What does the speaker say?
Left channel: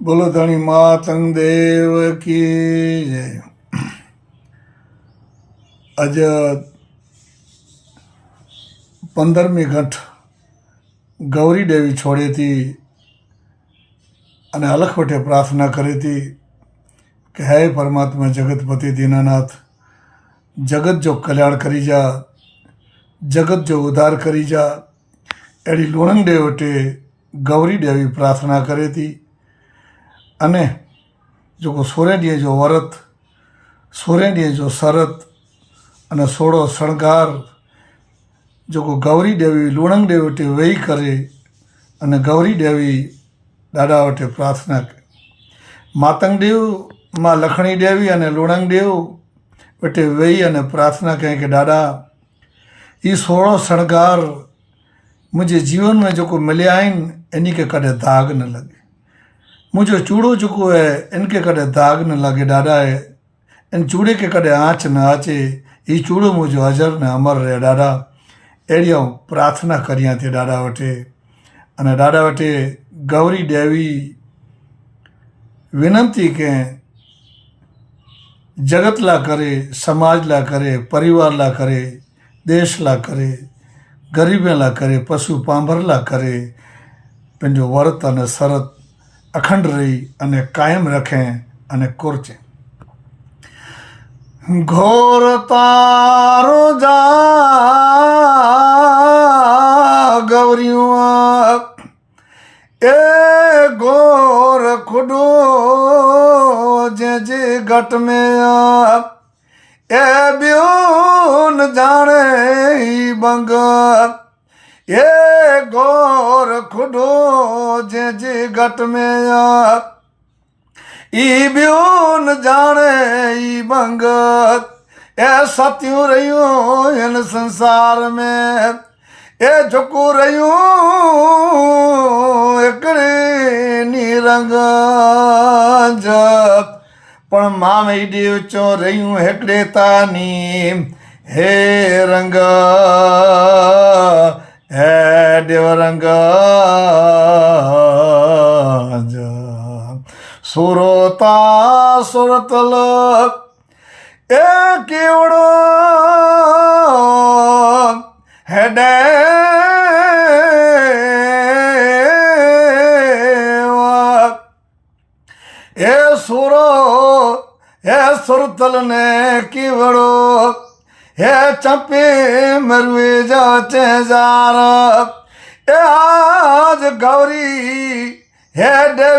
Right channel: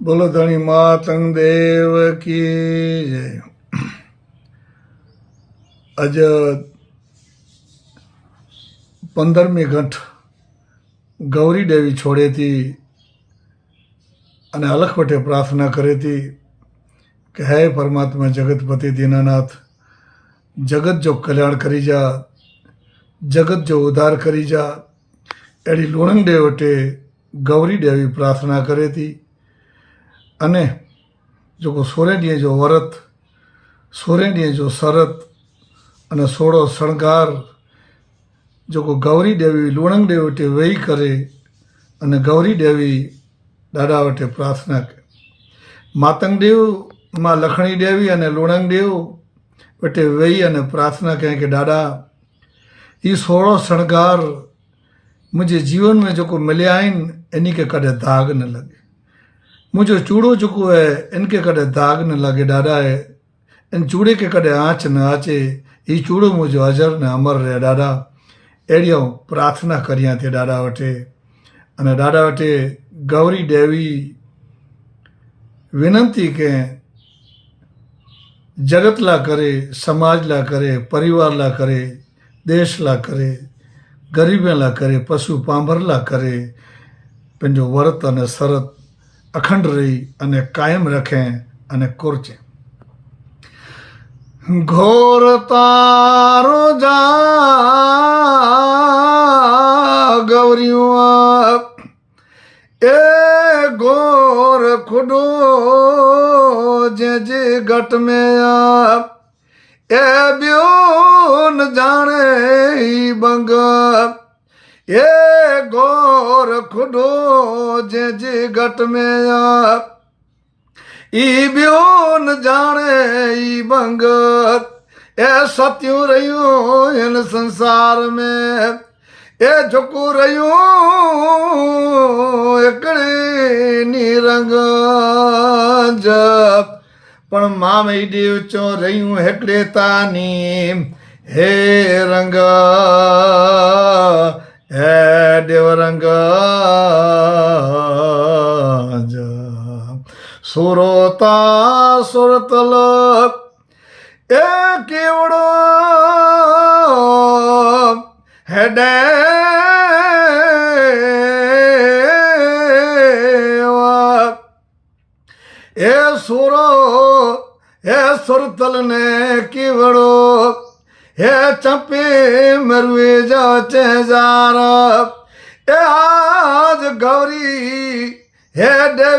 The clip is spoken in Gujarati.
બોલો ધણી માતંગ દેવ કી જય. આજે 15મી ઘંટ ગૌરી દેવી છોડી હતી અને અલખવટે પ્રાર્થના કરી હતી કે હે પરમાત્મા જગતપતિ દીનાનાથ, જગત જો કલ્યાણ કરી જા, જગત જો ઉદ્ધાર કરી જા. એડી લુણંગ દેવટે ગૌરી દેવી પ્રાર્થના કરી હતી. અને જો સોરેડીએ જો વરત, સોરેડીએ જો શરત અને સોળો શણગાર જો ગૌરી દેવી લુણંગ દેવટે વહી કરે અને ગૌરી દેવી દાદા વટે પ્રાર્થના કરે. માતંગ દેવ માં લખણી દેવી અને લુણંગ દેવ વટે વહી અને પ્રાર્થના કહે કે દાदा ये 16 शणगार मुझे जीवन में जो को मिले आइन इन्हीं के कदे दाग न लगे. मुझे चूड़ो चुको है इनके कदे दाग न लगे दादा है. इन चूड़े के कदे आँच न आचे, ये चूड़ो मुझे अजर ने अमर रहे दादा. एड़ियों प्रार्थना करिया थे दादा वटे. અને દાદા વટે ગૌરી દેવી વિનંતી કે જગતલા કરે, સમાજલા કરે, પરિવારલા કરે, દેશલા કરે, ગરીબેલા કરે, પશુ પાંભરલા કરે. पंहिंजो वर्त અને શરત અખંડ રહી અને કાયમ રખે અને કોરચે. ઘોર તારો જા ગૌરીઓ એ ઘોર ખુડો જે જે ઘટ में એ બ્યો ન જાણે બંગ એ ઘોર ખુડો જે જે ઘટ में ઈ બ્યો ન જાણે ઈ બંગ એ સત્યું રહ્યું એન સંસાર में એ ઝુકું રહ્યું એકડી નિરંગ જપ પણ મામે દેવ ચો રહ્યું હેકડે તાની હે રંગ હે દેવ રંગ સુરોતા સુરતલ એ કેવડો હેડે એ સુરો હે સુરતલ ને કેવડો હે ચંપે મરવે જાચે જાર એ આજ ગૌરી હે દેવી